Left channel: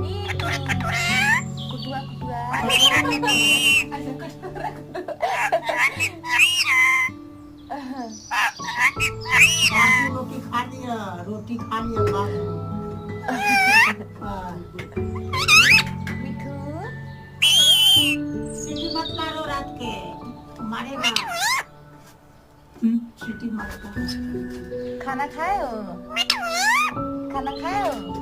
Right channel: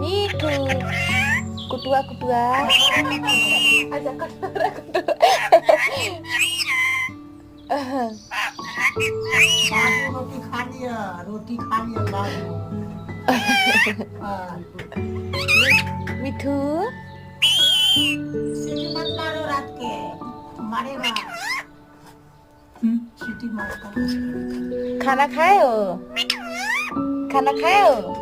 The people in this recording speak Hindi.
मिठू कुटुआ कुटुआ अच्छा कुटुआ कुटुआ बाबू रोटी खा लिया बाबू। मिठू सीटी मत मारो रात के, मारेगा। सीटी मत मारो। खाना खाए हो खाना खाए हो